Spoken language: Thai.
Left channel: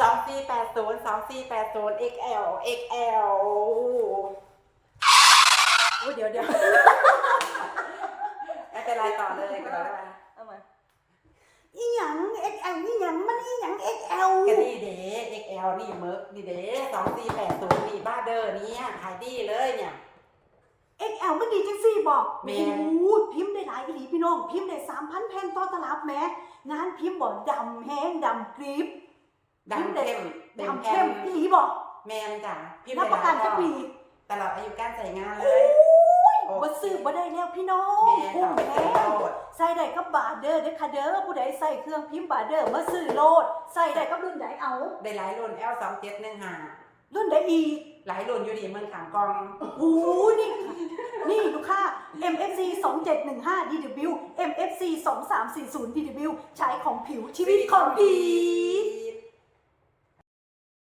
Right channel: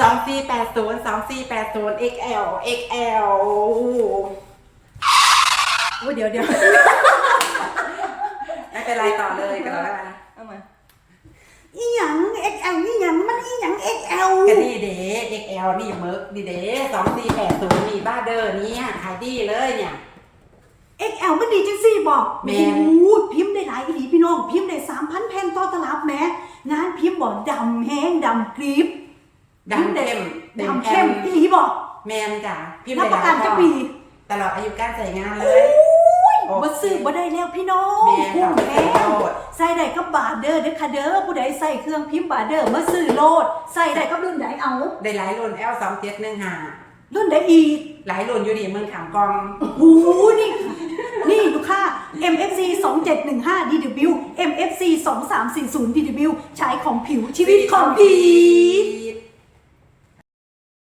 สองสี่แปดศูนย์สองสี่แปดศูนย์ XL XL โอ้ยเดี๋ยวเดี๋ยวไม่เป็นไรต่อเลยก็แล้วกันเอามาอีหยัง XL อีหยังมันอีหยัง XL ก็นี่เด้ XL นี่เมิร์กนี่เด้สองสี่แปดศูนย์นี่บ้าเดอร์เนี่ยขายดีเลยเนี่ย XL มันดีจังซี่บอกแม่ โอ้นโหพิมพ์ได้หลายอีหลีพี่น้อง พิมพ์ได้3,000แผ่นต่อตลับแหม้งานพิมพ์บ่ดำแห้งดำกรีบ ดำเข้มดำเข้มอีหลีบอกแมนจ้ะพิมพ์รับประกันได้หลายจะข้อปีตลอดอายุการใส่งานเลโอ้ยยบ่ซื้อบ่ได้แล้วพี่น้องแม่คุ้มค่ะแท้ใส่ได้กับบาร์เดอร์เด้อค่ะเด้อผู้ใดใส่เครื่องพิมพ์บาร์เดอร์มาซื้อโลดใส่ได้กับรุ่นใดเอา ได้หลายรุ่น L สองเจ็ดหนึ่งห้ารุ่นใดอีก หลายรุ่นอยู่ดีเมืองขามกองโอ้โหนี่ค่ะนี่ลูกค้า MFC 2715 DW MFC 2340 DW ใช้ของผิวชีวิตของผีี